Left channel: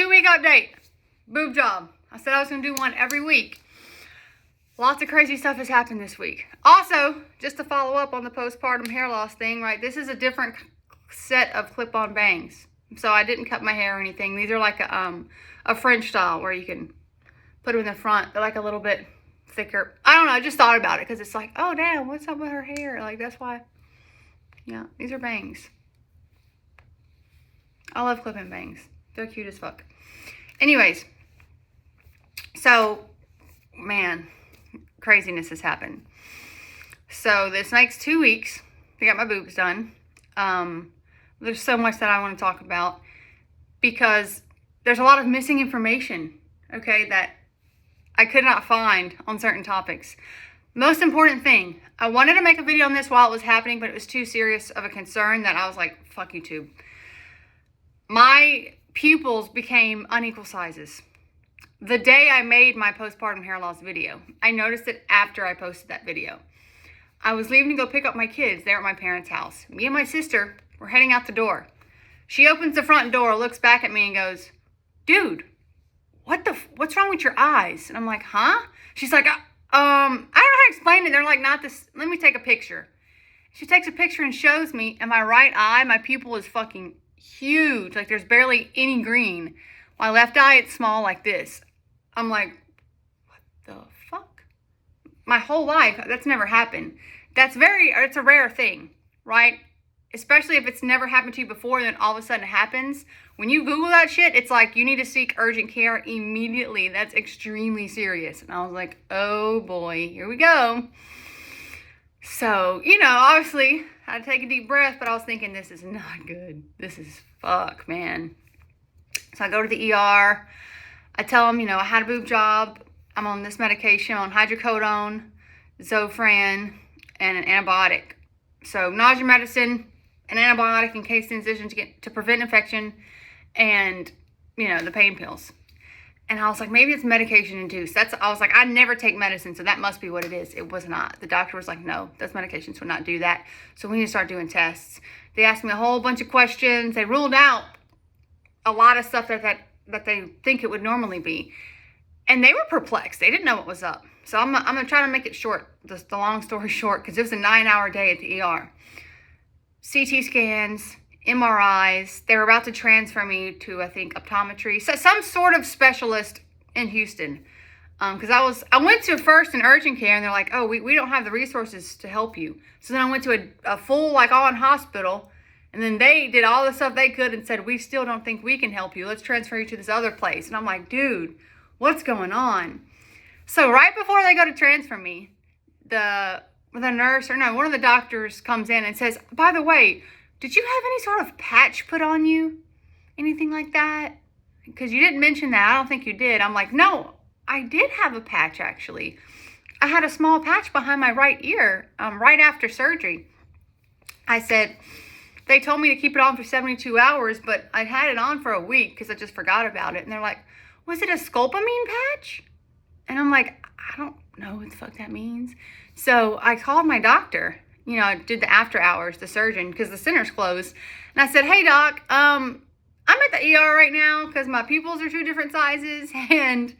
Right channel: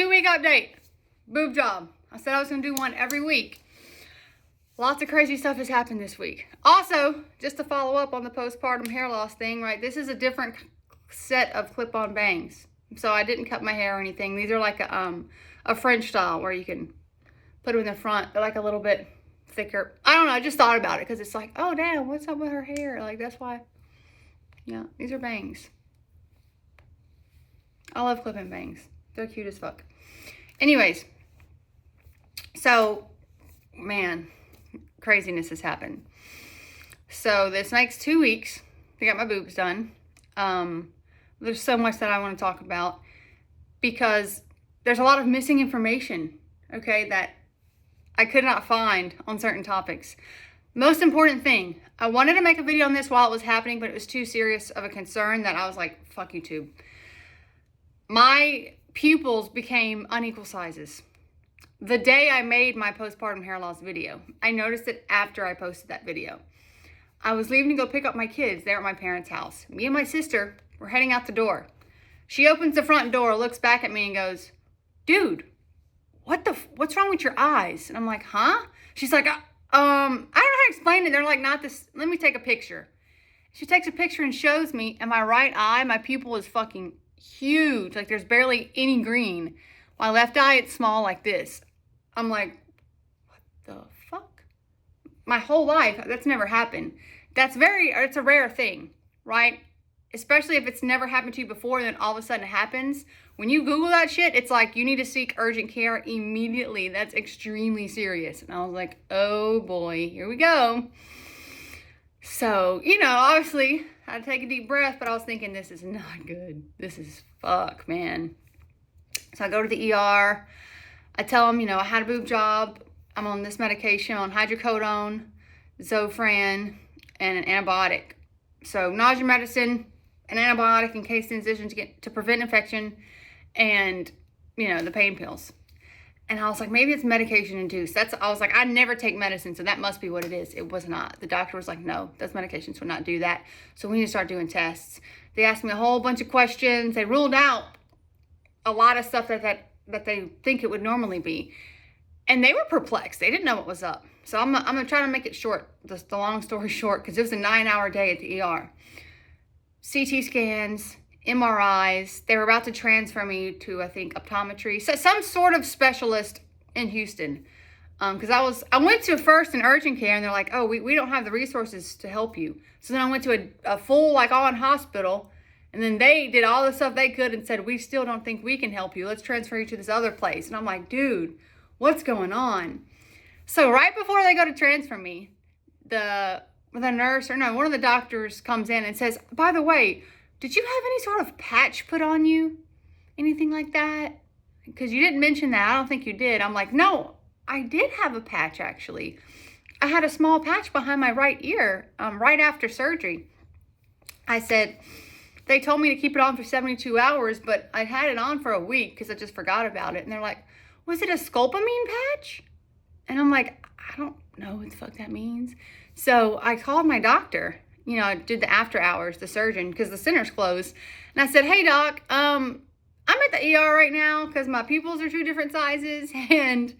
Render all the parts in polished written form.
2-week update. Boob job. I said I was going to do one every week. Lots of crazy stuff has happened this week. Also, just to follow up on the postpartum hair loss thing, right? This is a different set of clip-on bangs. So I didn't cut my hair or anything. These are like a French style where you can put them in the front. They're like a little bit thicker. I don't know. I just thought about it because it's like, oh, damn, what's up with her hair? Like, that's why. Yeah, these are bangs. I love clip-in bangs. They're cute as fuck. Anyways, so, man, craziness has happened. So this next 2 weeks, I got my boobs done. There's so much that I want to talk about because there's a lot of missing information, okay, that I could not find on certain topics. Most important thing, I wanted to make a video on this while it was happening, but it was too serious of a concern that I was like, fuck YouTube. My pupils became unequal sizes. The day I made my postpartum hair loss video, I noticed it after I posted that video. I was leaving to go pick up my kids there at my parents' house. Me and my sister were heading out the door. She opens the front door, looks back at me and goes, dude, what's wrong with your eyes? And I'm like, huh? She's like, I don't know how to explain it. They're like, not this, let me take a picture. She takes a picture and shows me, and my right eye, my pupil is fucking huge. Like there's barely any green. My left eye, it's small like this. I'm like, what the fuck? My whole life, that's never happened. It's a rare thing, right? Especially if it's never happened to you before, and then all of a sudden it happens. When you Google that shit, it's like you need to seek urgent care immediately. That's extremely serious. And I was like, oh boy, here we go. So, obviously, I had to take a deep breath, but I was thinking, this is not good. This is fuck, man. So I go to the ER. I tell them, I had a boob job. I'm on this medication, on hydrocodone, Zofran, and an antibiotic. So nausea medicine, an antibiotic in case the incision to prevent infection, and, the pain pills. And I was like, maybe it's medication induced. I was like, I never take medicine, so that must be what it is. It was not. The doctor was like, no, those medications would not do that. So we need to start doing tests. They asked me a whole bunch of questions. They ruled out a lot of stuff that they think it would normally be. And they were perplexed. They didn't know what was up. So I'm gonna try to make it short, the long story short, because it was a 9-hour day at the ER. CT scans, MRIs. They were about to transfer me to, I think, optometry. So some sort of specialist in Houston. Because I went to first an urgent care, and they're like, oh, we don't have the resources to help you. So then I went to a full, on hospital. And then they did all the stuff they could and said, we still don't think we can help you. Let's transfer you to this other place. And I'm like, dude, what's going on? So right before they go to transfer me, one of the doctors comes in and says, by the way, did you have any sort of patch put on you? Anything like that? Because you didn't mention that. I don't think you did. I'm like, no, I did have a patch actually. I had a small patch behind my right ear right after surgery. I said, they told me to keep it on for 72 hours, but I'd had it on for a week because I just forgot about it. And they're like, was it a scopolamine patch? And I'm like, I don't know what the fuck that means. So I called my doctor. I did the after hours, the surgeon, because the center's closed. And I said, hey, doc, I'm at the ER right now because my pupils are 2 different sizes. And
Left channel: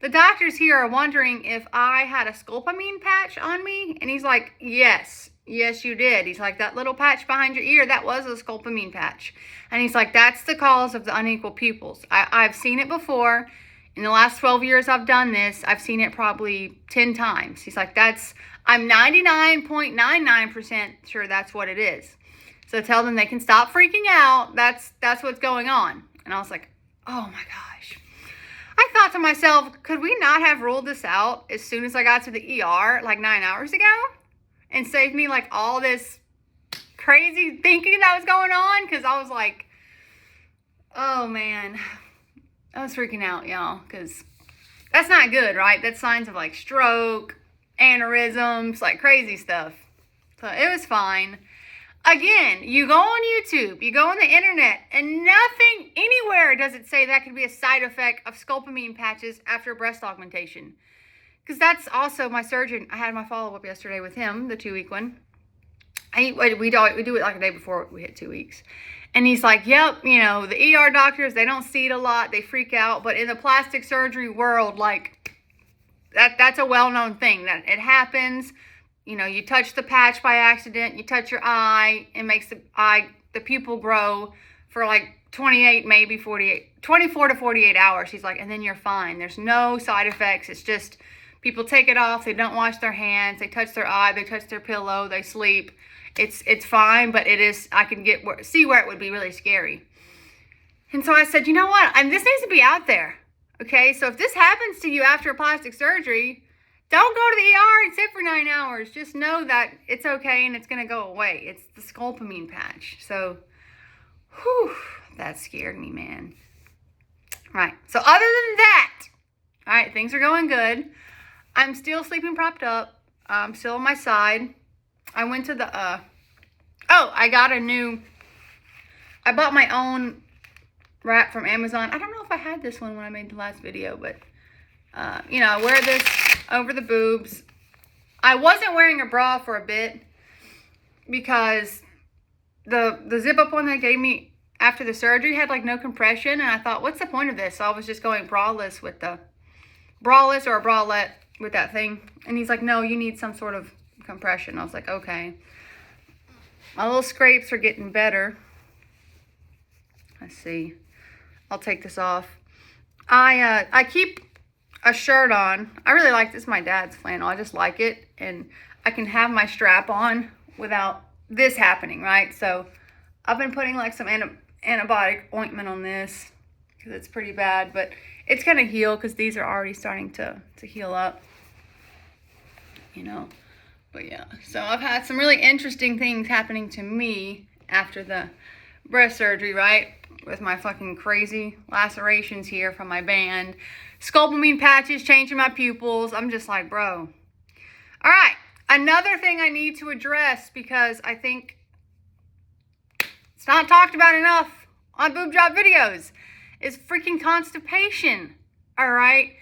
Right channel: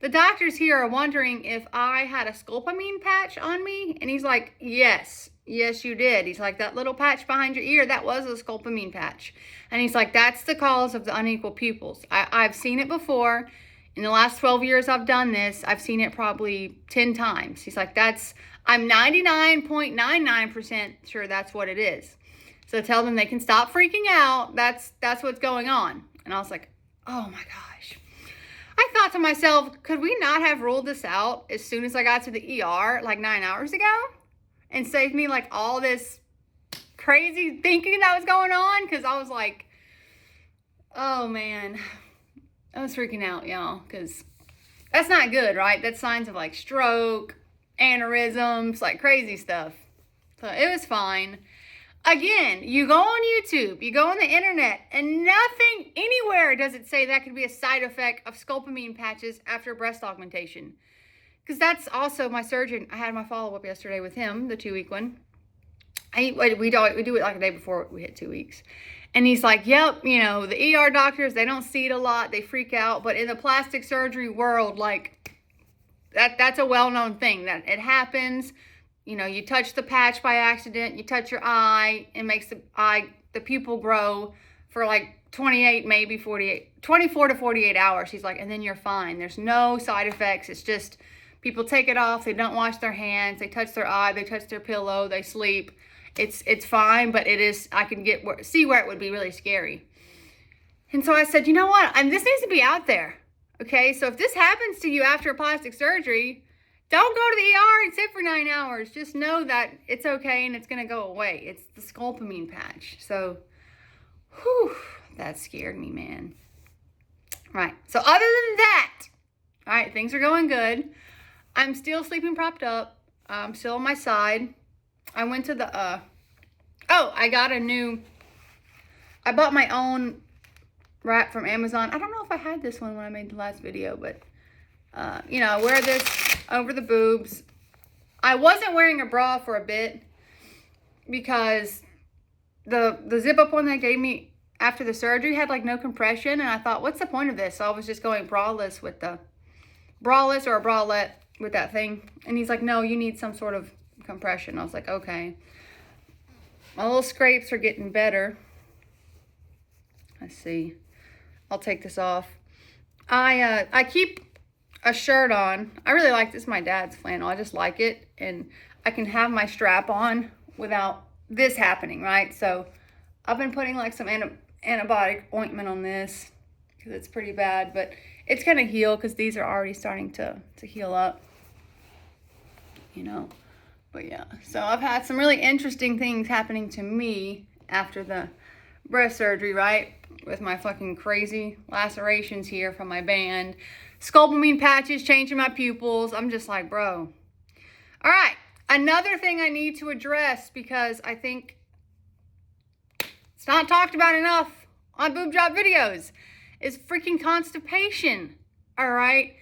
the doctors here are wondering if I had a scopolamine patch on me. And he's like, yes, you did. He's like, that little patch behind your ear, that was a scopolamine patch. And he's like, that's the cause of the unequal pupils. I've seen it before. In the last 12 years I've done this, I've seen it probably 10 times. He's like, I'm 99.99% sure that's what it is. So tell them they can stop freaking out. That's what's going on. And I was like, oh my gosh. I thought to myself, could we not have ruled this out as soon as I got to the ER 9 hours ago? And saved me all this crazy thinking that was going on? Because I was like, oh man. I was freaking out, y'all, because that's not good, right? That's signs of stroke, aneurysms, crazy stuff. So it was fine. Again, you go on YouTube, you go on the internet, and nothing anywhere does it say that could be a side effect of scopolamine patches after breast augmentation. Because that's also my surgeon. I had my follow-up yesterday with him, the 2-week one. We do it a day before we hit 2 weeks. And he's like, yep, you know, the ER doctors, they don't see it a lot. They freak out. But in the plastic surgery world, like, that's a well-known thing. That it happens. You know, you touch the patch by accident. You touch your eye. It makes the pupil grow for like 24 to 48 hours. He's like, and then you're fine. There's no side effects. It's just people take it off. They don't wash their hands. They touch their eye. They touch their pillow. They sleep. It's fine, but it is, I can see where it would be really scary. And so I said, you know what? This needs to be out there. Okay, so if this happens to you after a plastic surgery, don't go to the ER and sit for 9 hours. Just know that it's okay and it's going to go away. It's the scopolamine patch. So, whew, that scared me, man. Right, so other than that, all right, things are going good. I'm still sleeping propped up. I'm still on my side. I went to the, I bought my own wrap from Amazon. I don't know if I had this one when I made the last video, but, you know, I wear this over the boobs. I wasn't wearing a bra for a bit because the zip-up one they gave me after the surgery had, like, no compression, and I thought, what's the point of this? So I was just going braless or a bralette with that thing, and he's like, no, you need some sort of compression. I was like, okay. My little scrapes are getting better. Let's see. I'll take this off. I keep a shirt on. I really like this. My dad's flannel. I just like it, and I can have my strap on without this happening, right? So I've been putting like some antibiotic ointment on this because it's pretty bad, but it's gonna heal because these are already starting to heal up, you know. But yeah, so I've had some really interesting things happening to me after the breast surgery, right? With my fucking crazy lacerations here from my band. Scopolamine patches changing my pupils. I'm just like, bro. All right, another thing I need to address because I think it's not talked about enough on boob job videos is freaking constipation, all right?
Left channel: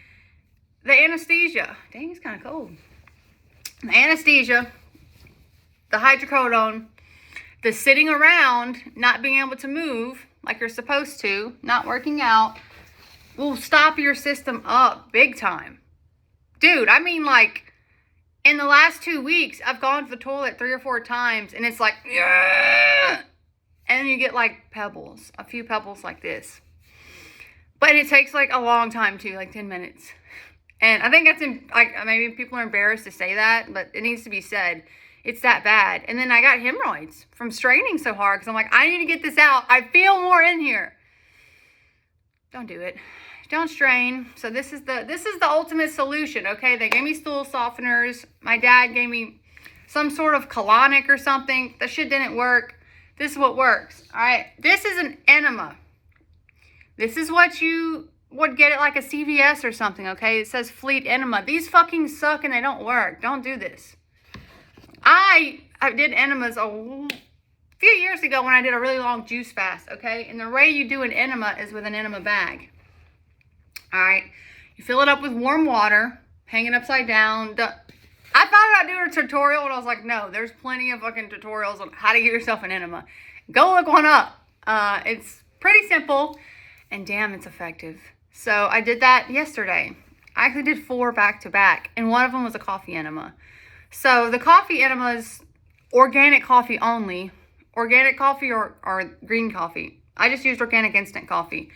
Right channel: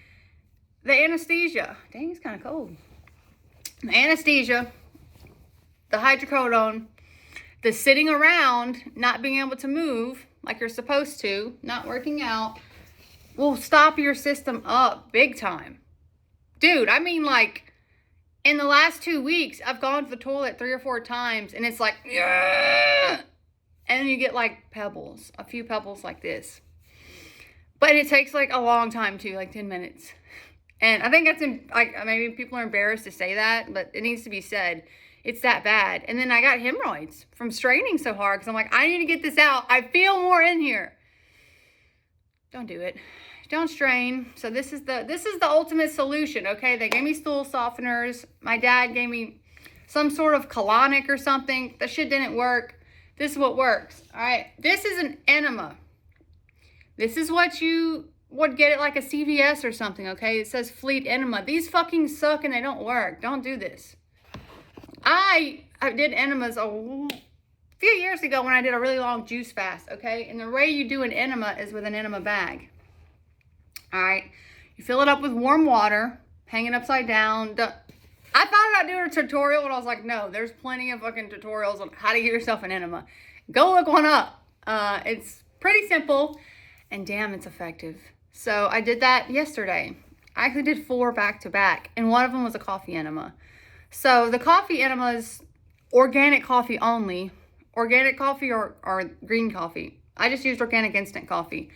The anesthesia. Dang, it's kind of cold. The anesthesia, the hydrocodone, the sitting around, not being able to move like you're supposed to, not working out, will stop your system up big time. Dude, I mean, like, in the last 2 weeks, I've gone to the toilet 3 or 4 times, and it's like, yeah! And then you get, like, pebbles, a few pebbles like this. But it takes, like, a long time, too, like 10 minutes. And I think that's, like, maybe people are embarrassed to say that, but it needs to be said. It's that bad. And then I got hemorrhoids from straining so hard because I'm like, I need to get this out. I feel more in here. Don't do it. Don't strain. So this is the ultimate solution, okay? They gave me stool softeners. My dad gave me some sort of colonic or something. That shit didn't work. This is what works, all right? This is an enema. This is what you would get at like a CVS or something, okay? It says Fleet enema. These fucking suck and they don't work. Don't do this. I did enemas a few years ago when I did a really long juice fast, okay? And the way you do an enema is with an enema bag. All right, you fill it up with warm water, hang it upside down. I thought about doing a tutorial, and I was like, no, there's plenty of fucking tutorials on how to give yourself an enema. Go look one up. It's pretty simple, and damn, it's effective. So I did that yesterday. I actually did 4 back to back, and one of them was a coffee enema. So the coffee enema is organic coffee only. Organic coffee or green coffee. I just used organic instant coffee.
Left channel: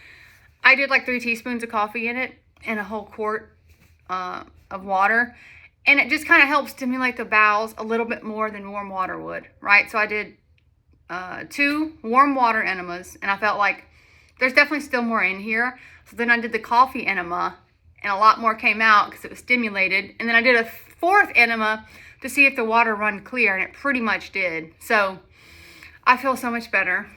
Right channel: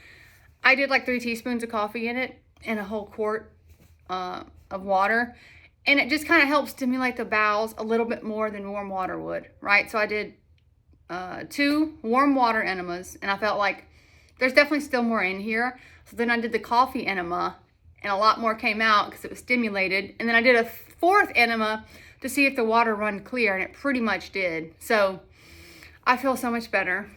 I did like 3 teaspoons of coffee in it and a whole quart of water. And it just kind of helps stimulate the bowels a little bit more than warm water would, right? So I did 2 warm water enemas, and I felt like there's definitely still more in here. So then I did the coffee enema, and a lot more came out because it was stimulated. And then I did a 4th enema to see if the water run clear, and it pretty much did. So I feel so much better.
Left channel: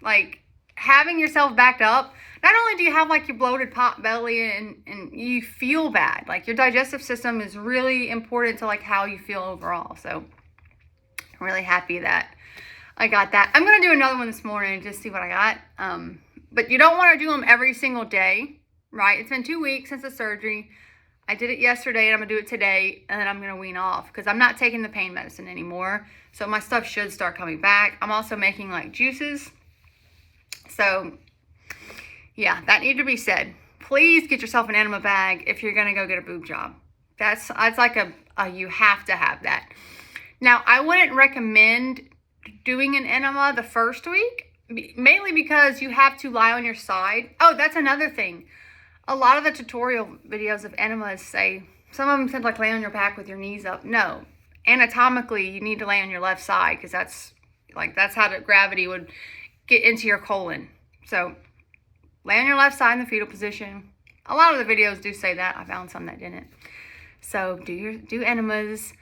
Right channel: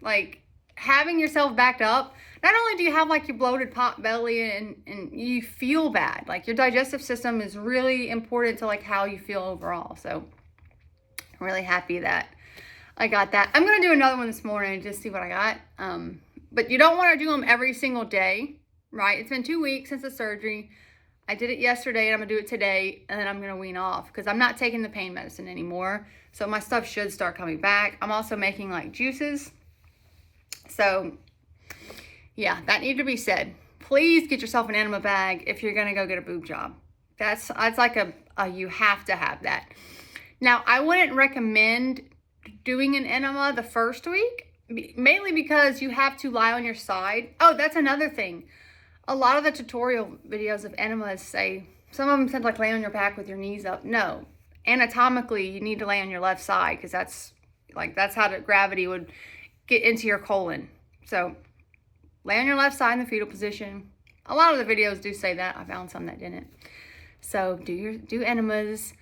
Like, having yourself backed up, not only do you have like your bloated pot belly and you feel bad, like your digestive system is really important to like how you feel overall. So I'm really happy that I got that. I'm going to do another one this morning and just see what I got. But you don't want to do them every single day, right? It's been 2 weeks since the surgery. I did it yesterday and I'm going to do it today, and then I'm going to wean off because I'm not taking the pain medicine anymore. So my stuff should start coming back. I'm also making like juices So yeah, that needed to be said. Please get yourself an enema bag if you're gonna go get a boob job. That's like a you have to have that. Now, I wouldn't recommend doing an enema the first week, mainly because you have to lie on your side. Oh, that's another thing. A lot of the tutorial videos of enemas say, some of them said like lay on your back with your knees up. No, anatomically, you need to lay on your left side because that's how the gravity would get into your colon. So lay on your left side in the fetal position. A lot of the videos do say that. I found some that didn't. So do enemas,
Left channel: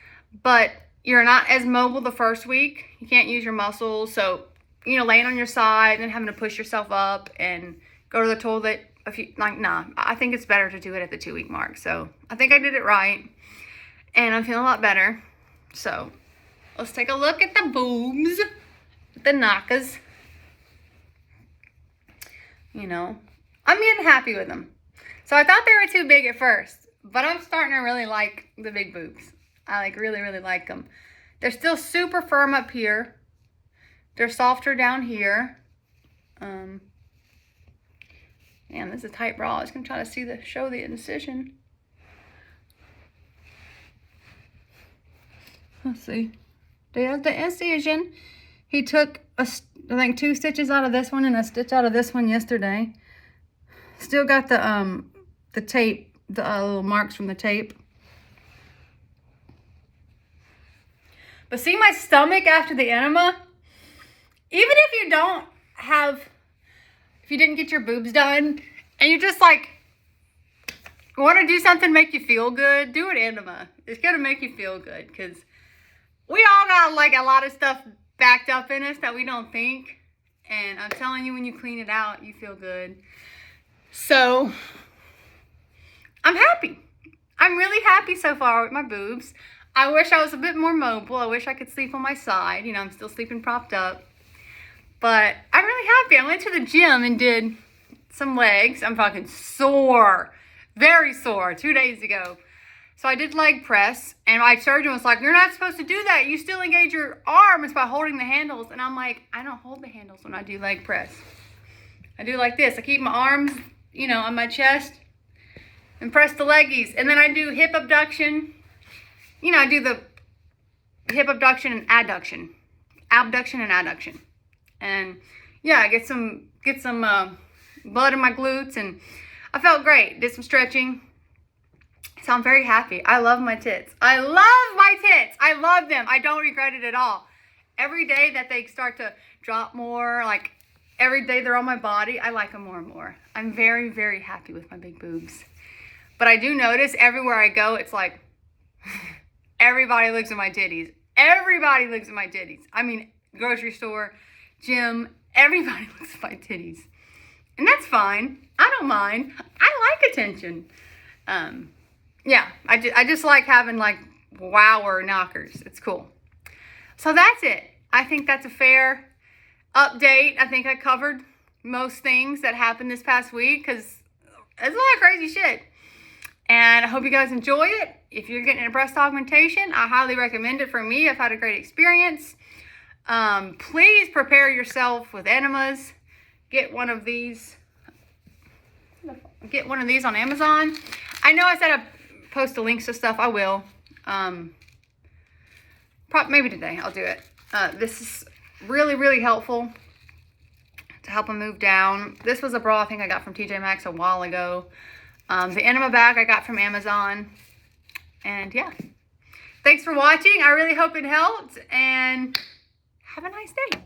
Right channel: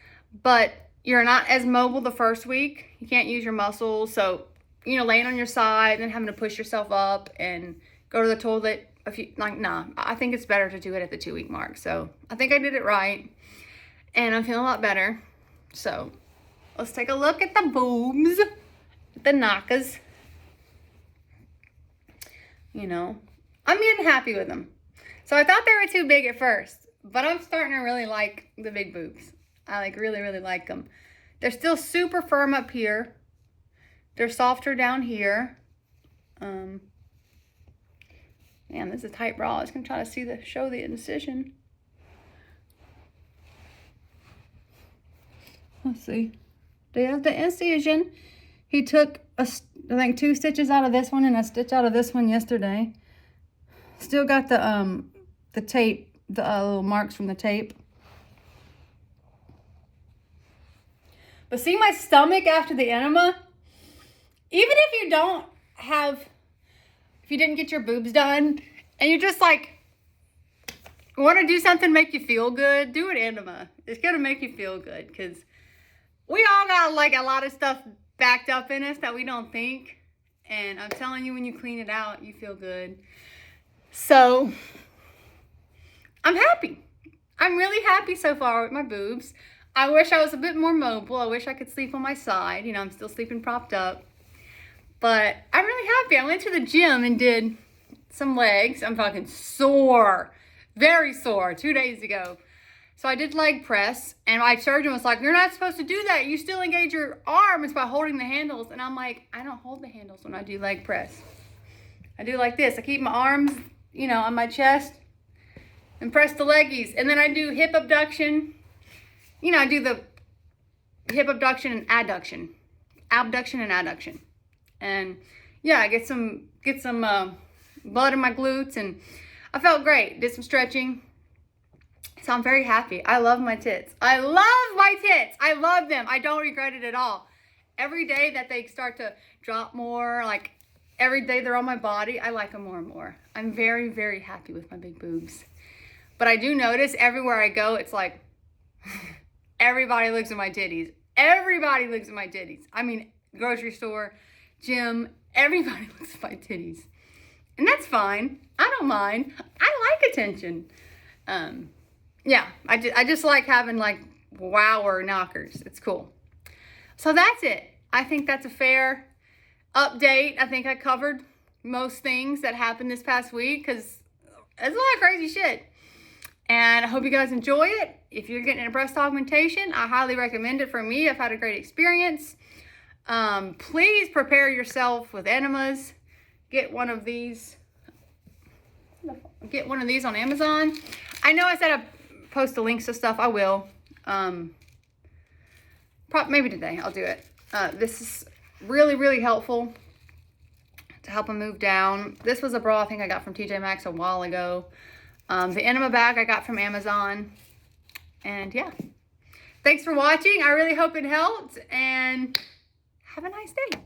but you're not as mobile the first week. You can't use your muscles. So, you know, laying on your side and then having to push yourself up and go to the toilet. Nah, I think it's better to do it at the 2-week mark. So I think I did it right and I'm feeling a lot better. So let's take a look at the boobs, the knackers. You know, I'm getting happy with them. So I thought they were too big at first, but I'm starting to really like the big boobs. I like really like them. They're still super firm up here. They're softer down here. Man, this is a tight bra. I was gonna try to show the incision. Let's see. There's the incision. He took I think 2 stitches out of this one and a stitch out of this one yesterday. Still got the tape, the little marks from the tape. But see my stomach after the enema? Even if you didn't get your boobs done and you're just like, want to do something to make you feel good, do an enema. It's going to make you feel good because we all got like a lot of stuff backed up in us that we don't think. And I'm telling you, when you clean it out, you feel good. So I'm happy. I'm really happy so far with my boobs. I wish I was a bit more mobile. I wish I could sleep on my side. You know, I'm still sleeping propped up. But I'm really happy. I went to the gym and did some legs. I'm fucking sore. Very sore 2 days ago. So I did leg press. And my surgeon was like, you're not supposed to do that. You still engage your arms by holding the handles. And I'm like, I don't hold the handles when I do leg press. I do like this. I keep my arms, you know, on my chest and press the leggies. And then I do hip abduction. You know, I do the hip abduction and adduction. Abduction and adduction. And yeah, I get some blood in my glutes and I felt great. Did some stretching. So I'm very happy. I love my tits. I love my tits. I love them. I don't regret it at all. Every day that they start to drop more, like every day they're on my body, I like them more and more. I'm very happy with my big boobs. But I do notice everywhere I go, it's like everybody looks at my titties. Everybody looks at my titties. I mean, grocery store, gym, everybody looks at my titties. And that's fine. I don't mind. I like attention. Yeah, I just like having like wower knockers. It's cool. So that's it. I think that's a fair update. I think I covered most things that happened this past week because there's a lot of crazy shit. And I hope you guys enjoy it. If you're getting a breast augmentation, I highly recommend it for me. I've had a great experience. Please prepare yourself with enemas. Get one of these. Get one of these on Amazon. I know I said I'd post the links to stuff. I will. Maybe today I'll do it. This is really helpful to help them move down. This was a bra I think I got from TJ Maxx a while ago. The enema bag I got from Amazon. And yeah. Thanks for watching. I really hope it helped. And have a nice day.